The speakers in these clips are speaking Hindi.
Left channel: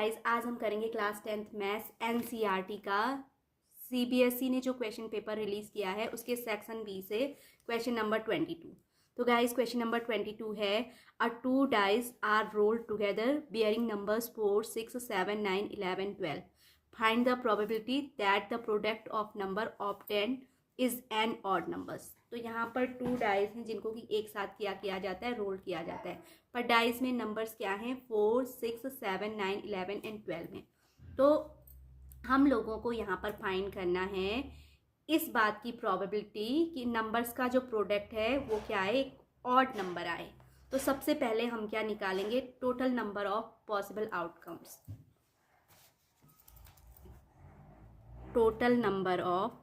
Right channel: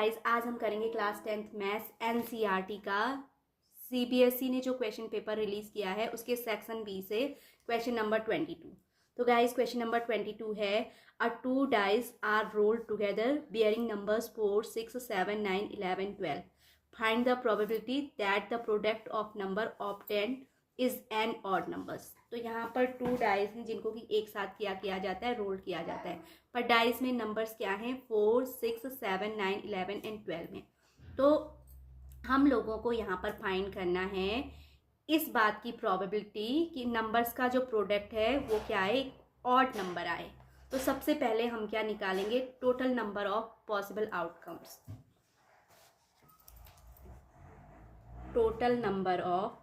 गाइस आज हम करेंगे क्लास 10th मैथ्स एनसीईआरटी का सीबीएसई ने जो क्वेश्चन पेपर रिलीज किया है उसके सेक्शन बी से क्वेश्चन नंबर 22। तो गाइस क्वेश्चन नंबर 22 है a two dice are rolled together bearing numbers 4 6 7 9 11 12 find the probability that the product of number obtained is an odd numbers. तो यहाँ पर टू डाइस हैं जिनको कि एक साथ किया जाता है, रोल किया जाता है, पर डाइस में नंबर्स क्या हैं 4 6 7 9 11 एंड 12 हैं। तो हम लोगों को यहाँ पर फाइंड करना है इस बात की प्रोबेबिलिटी कि नंबर्स का जो प्रोडक्ट है वो क्या है, एक ऑड नंबर आए। तो सबसे पहले हम क्या निकालेंगे, total number of possible outcomes. Total number of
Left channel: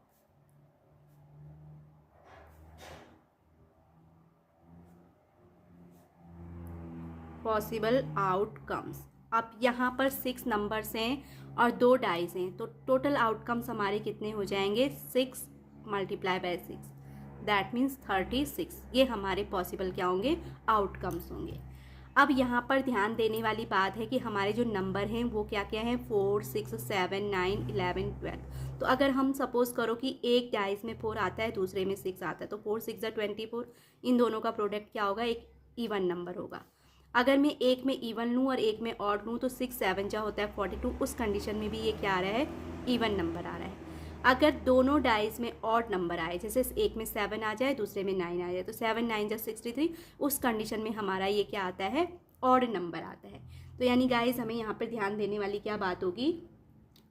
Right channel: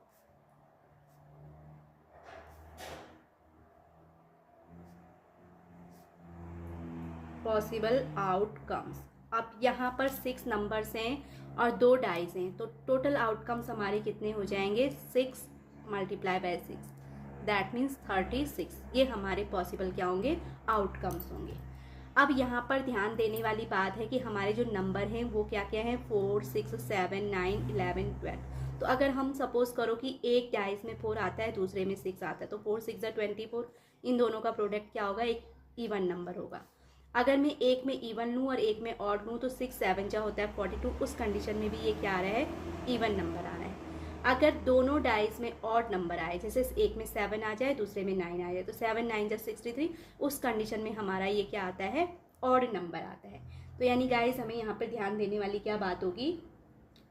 possible outcomes. अब यहाँ पर 6 नंबर्स हैं और 2 डाइस हैं, तो टोटल आउटकम्स हमारे कितने हो जाएंगे, 6 मल्टीप्लाई बाय 6 दैट मीन्स 36। ये हमारे पॉसिबल क्या होंगे, आउटकम्स होंगे। अब यहाँ पर ध्यान देने वाली बात है कि हमारे जो नंबर हैं वो क्या क्या हैं, 4 6 7 9 11 12। तो अगर हम सपोज करो कि एक डाइस में 4 आता है, दूसरे में 6 आता है, तो 4 6 24, इन दोनों का प्रोडक्ट क्या होगा, एक इवन नंबर होगा। अगर मैं एक में इवन लूँ और एक में ऑड लूँ तो 6 7 जा होता है 42। उस कंडीशन में भी ये क्या आ रहा है, इवन नंबर आ रहा है। अगर दोनों डाइस में ऑड नंबर आए, जैसे एक में 7 आ जाए दूसरे में 9 आ जाए, तो 7 9 जा 63, उस कंडीशन में हमारा ये क्या आता है, ऑड नंबर आता है। तो यानी गाइस हमें यहाँ पर ध्यान देने वाली क्या बात होगी,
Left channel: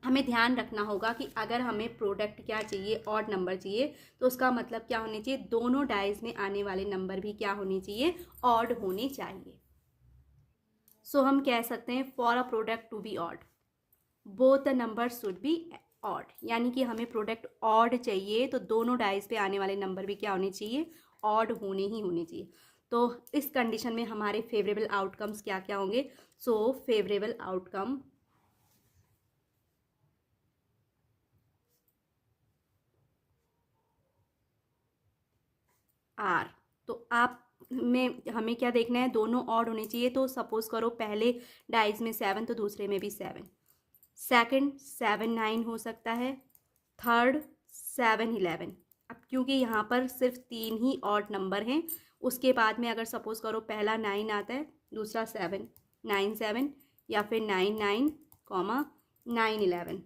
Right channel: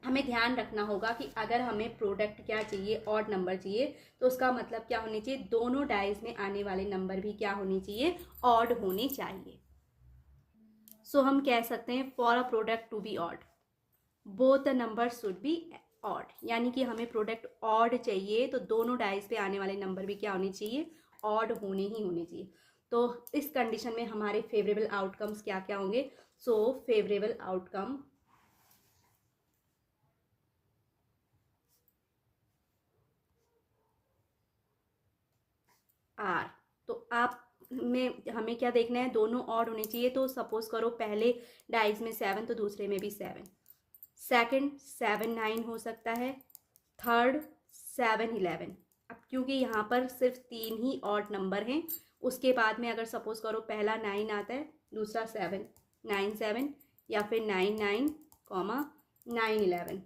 हमें ध्यान रखना होगा कि अगर हमें प्रोडक्ट क्या चाहिए, ऑड नंबर चाहिए, तो उसका मतलब क्या होनी चाहिए, दोनों डाइस में आने वाले नंबर भी क्या होनी चाहिए, ऑड होनी चाहिए। सो हम कह सकते हैं for a product to be odd both the number should be odd, यानी कि हमें प्रोडक्ट ऑड चाहिए तो दोनों डाइस पे आने वाले नंबर भी क्या होने चाहिए, ऑड होने ही होने चाहिए। तो इस कंडीशन में हमारे फेवरेबल आउटकम्स क्या क्या होंगे, सो फेवरेबल आउटकम आर। तो आप में हमें क्या देखना है, दोनों ऑड होने चाहिए। तो सपोज करो पहले डाइस में 7 तो दूसरे में भी 7, सेकंड 7 9 हो सकता है, थर्ड 7 11। अब क्योंकि यहाँ पर सिर्फ 3 ही ऑड नंबर हैं, उसके बाद में अगर सपोज करो पहला 9 आता है, दूसरा 7 9 7, या फिर 9 9 9 11,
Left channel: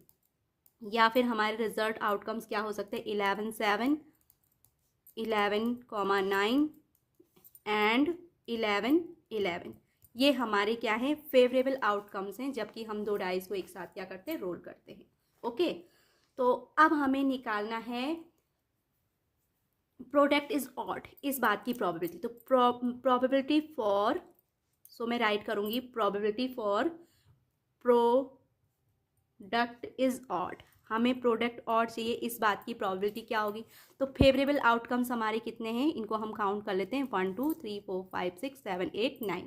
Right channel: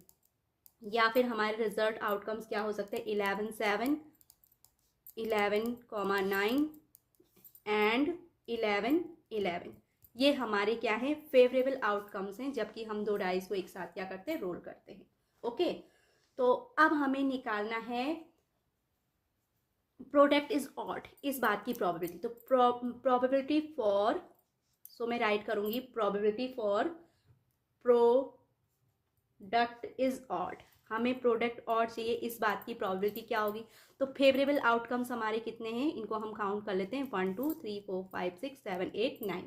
या फिर हमारे रिजल्ट आउटकम्स क्या हो सकते हैं, 11 7 11 9 एंड 11 11। ये हमारे क्या है, फेवरेबल आउटकम्स हैं, जबकि हम दो डाइस को एक साथ क्या करते हैं, रोल करते हैं। ओके, तो अब हमें निकालना है प्रोडक्ट इज ऑड, इस बात की प्रोबेबिलिटी। तो प्रोबेबिलिटी फॉर, सो मैं राइट करूंगी probability for product is odd. हमें प्रोडक्ट ऑड चाहिए, इस बात की प्रोबेबिलिटी क्या होगी। तो फेवरेबल आउटकम्स हमारे कितने हैं, इनको हम काउंट कर लेते हैं, 1 2 3 4 5 6 7 8 9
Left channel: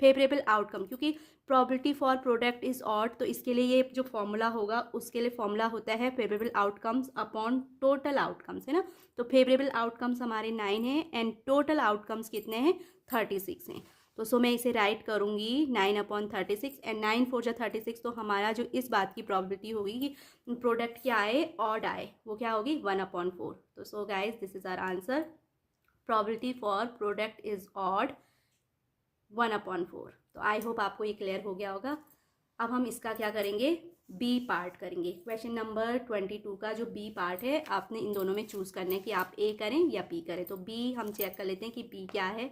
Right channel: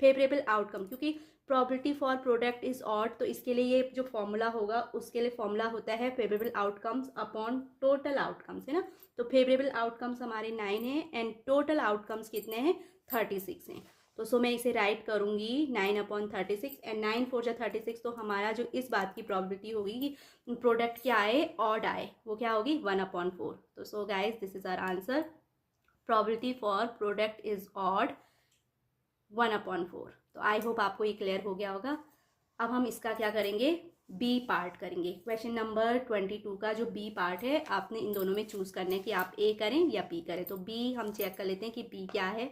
फेवरेबल आउटकम। क्योंकि probability for product is odd, तो इसके लिए ये जो फॉर्मूला होगा, उसके लिए फॉर्मूला होता है favourable outcomes upon total outcomes, है ना। तो फेवरेबल आउटकम्स हमारे 9 हैं एंड टोटल आउटकम्स कितने हैं, 36 हैं। तो सो मैं इसे राइट करूंगी 9/36 एंड 9 4 जा 36। तो हमारा जो इस बात की प्रोबेबिलिटी होगी कि प्रोडक्ट क्या आए, ऑड आए, वो क्या होगी 1/4। तो so guys this is our answer, probability for product is odd 1/4। तो आई होप आपको ये क्लियर हो गया होगा। अब हम इसका क्या करेंगे, बी पार्ट करेंगे। क्वेश्चन नंबर 22 का जो बी पार्ट है, आपने इन दोनों में चूज करना है कि आप ए करें या बी करें। तो बी हम चेक कर लेते हैं कि बी क्या है।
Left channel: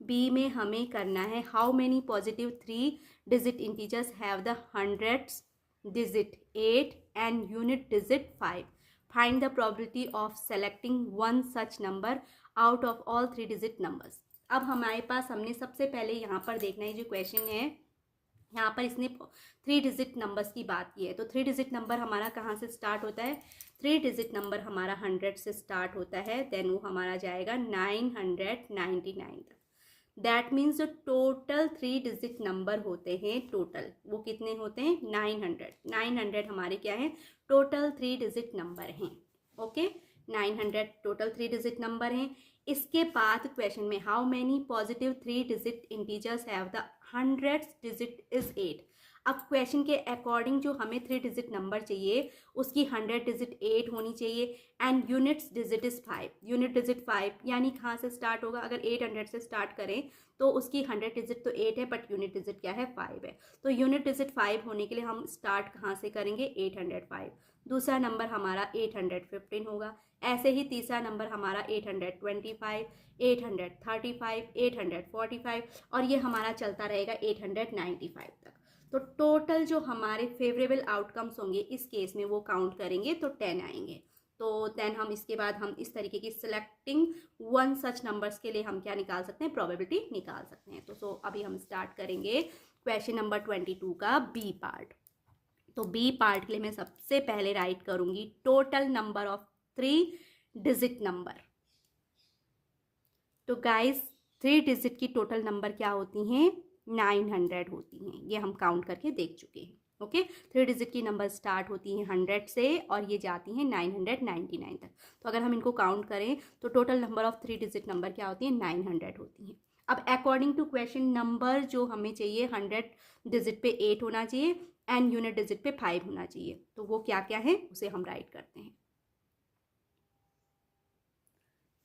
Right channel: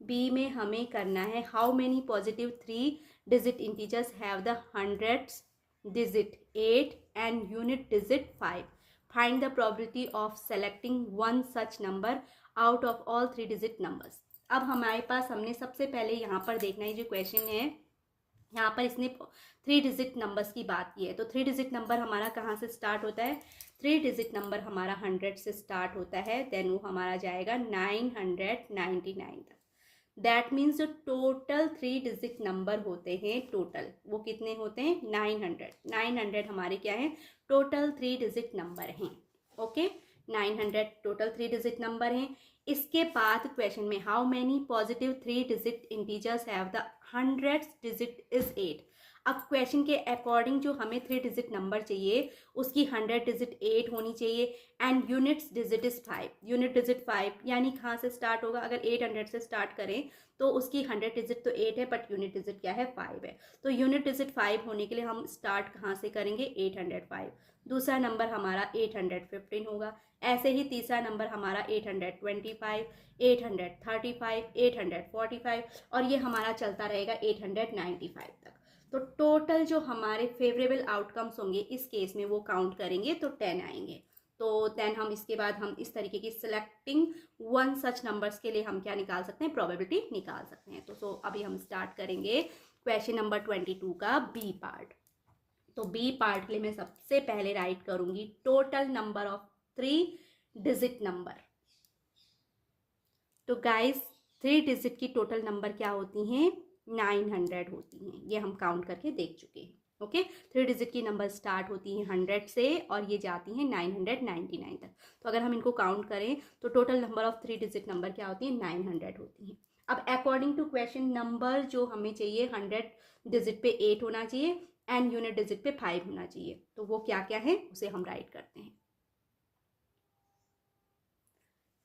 बी में हमें करना है how many positive 3 digit integers have the hundreds digit 8 and unit digit 5। Find the probability of selecting one such number out of all 3 digit numbers. अब हमारे पास, हमने सबसे पहले यहाँ पर देखना है, जो क्वेश्चन है यहाँ पर इसने 3 डिजिट नंबर्स की बात की है। तो 3 डिजिट नंबर हमारा कहाँ से स्टार्ट होता है, 3 डिजिट नंबर हमारा 100 से स्टार्ट होता है, देन वो हमारा जाएगा 999 तक। दैट मीन्स जो टोटल 3 डिजिट नंबर होते हैं, टोटल वो कितने होते हैं, 900 हमारे क्या है, टोटल 3 डिजिट नंबर हैं। ओके, 900 टोटल 3 डिजिट नंबर हैं। इसके बाद क्वेश्चन में how many positive 3 digit integers have the hundreds digit is 8। अब क्वेश्चन के अकॉर्डिंग जो हमें 3 डिजिट नंबर चाहिए उसकी 100 डिजिट 8 होनी चाहिए and units digit is 5, unit digit 5 यानी कहाँ से स्टार्ट होगा, अगर 800 से स्टार्ट करें तो उसकी 100 डिजिट तो 8 है बट यूनिट डिजिट क्या है 5 है। तो यूनिट डिजिट 5 होने के लिए हम स्टार्ट कहाँ से करेंगे 805, दूसरा नंबर हमारा 815 होगा, ऐसे ही तीसरा नंबर हमारा 825, 835, 845 और ये हमारा चलता रहेगा 895 तक। तो टोटल जो हमारे फेवरेबल आउटकम्स होंगे इस केस में वो काउंट करेंगे तो 10 आएंगे। तो 10 हम इसके बाद हम इस तरीके की सिलेक्टिंग वन सच नंबर्स के लिए हम क्या निकाल सकते हैं, प्रोबेबिलिटी निकाल सकते हैं। तो अभी हम स्टार्ट करेंगे क्वेश्चन नंबर 22 का बी पार्ट। तो बी पार्ट के लिए मैं सबसे पहले राइट करूंगी total number of 3 digit number. तो गाइस 3 डिजिट की टोटल नंबर क्या होती हैं, 900 होती हैं, ये हम काउंट करके देख चुके हैं। ओके 3 डिजिट की नंबर स्टार्ट होती हैं 100 से और ये जाती हैं 999 तक। तो अगर हम इनको काउंट करें तो total number of 3 digit number क्या होती है 900 होती हैं। अब अकॉर्डिंग टू क्वेश्चन नंबर जो हमें चाहिए 100 डिजिट पे 8 होना चाहिए एंड यूनिट डिजिट पे 5 होना चाहिए। तो वो क्या क्या है उसे हम राइट करते हैं।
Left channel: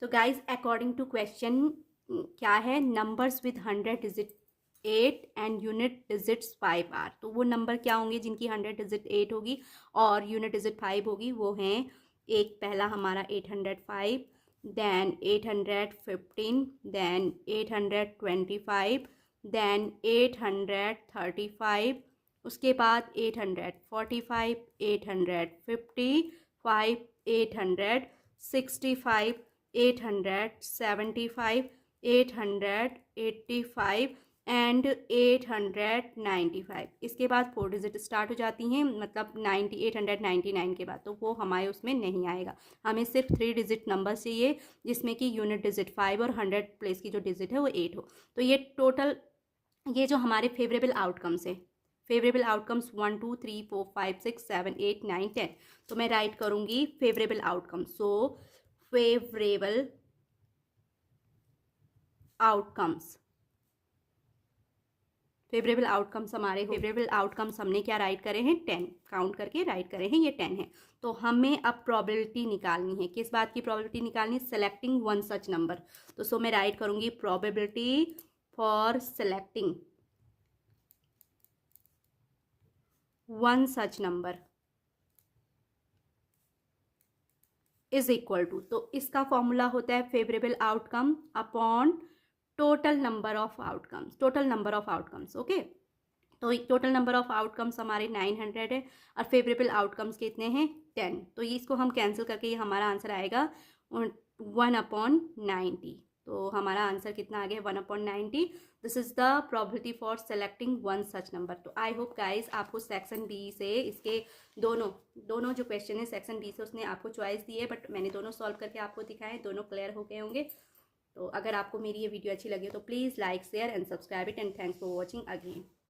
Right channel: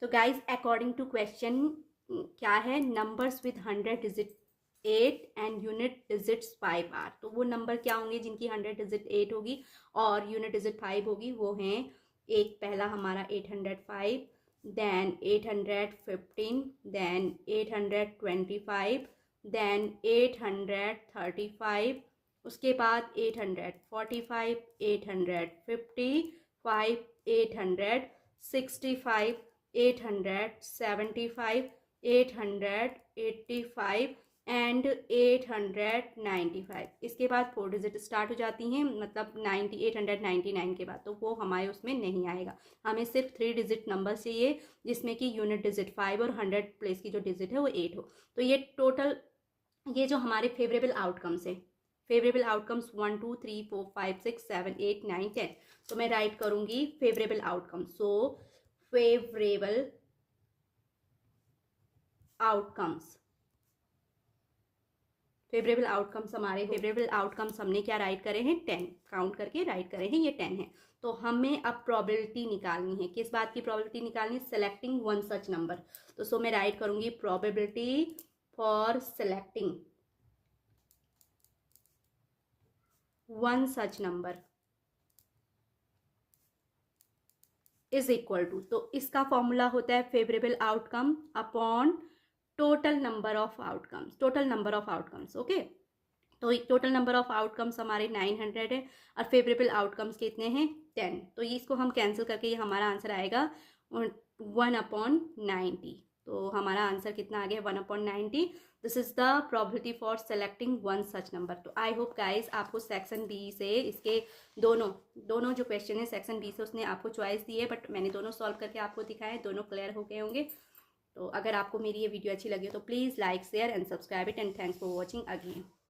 तो गाइज अकॉर्डिंग टू क्वेश्चन क्या है, numbers with 100 digit 8 and unit digits 5 are. तो वो नंबर क्या होंगे जिनकी 100 डिजिट 8 होगी और यूनिट डिजिट 5 होगी, वो हैं एक पहला हमारा 805, देन 815, देन 825, देन 835, उसके बाद 845, 855, 865, 875, 885 एंड 895। इसके बाद 4 डिजिट स्टार्ट हो जाती हैं, मतलब 899 के बाद, तो वो हमारे उसमें नहीं आएगा। हमें सिर्फ 3 डिजिट नंबर चाहिए जिसमें कि यूनिट डिजिट 5 और 100 प्लेस की जो डिजिट है वो 8 हो। तो ये टोटल ये जो हमारे फेवरेबल आउटकम्स हैं, फेवरेबल आउटकम्स 1 2 3 4 5 6 7 8 9 10। तो मैं राइट करूंगी favourable outcomes. So favourable outcomes, favourable outcomes हमारे फेवरेबल आउटकम्स हमने क्या राइट करे हैं 10, काउंट करके राइट करे हैं, ये 10 है। तो हमें अब प्रोबेबिलिटी निकालनी है, किस बात की प्रोबेबिलिटी निकालनी है, सेलेक्टिंग वन सच नंबर। तो सो मैं राइट करूंगी probability for selecting one such number is equal to, तो इसका फॉर्मूला होता है favourable outcome upon total number of outcomes, total number of outcomes. Okay तो टोटल नंबर ऑफ आउटकम्स हमारे 900 है और फेवरेबल आउटकम्स कितने हैं 10। तो इसको हम कैंसिल करके ये हमारा आंसर आएगा 1/90। तो हमारा आंसर कितना आ गया 1/90। This is the probability for selecting one such number. तो आई होप गाइज आपको सेक्शन बी से इसके दोनों जो क्वेश्चन है सेक्शन बी से उसने आपको चॉइस दी है, बट मैंने दोनों सॉल्व करके आपको दिखाए, दोनों क्लियर हो गए होंगे। तो अगर आपको मेरी ये वीडियो अच्छी लगी हो तो please like share and subscribe it and thanks for watching again.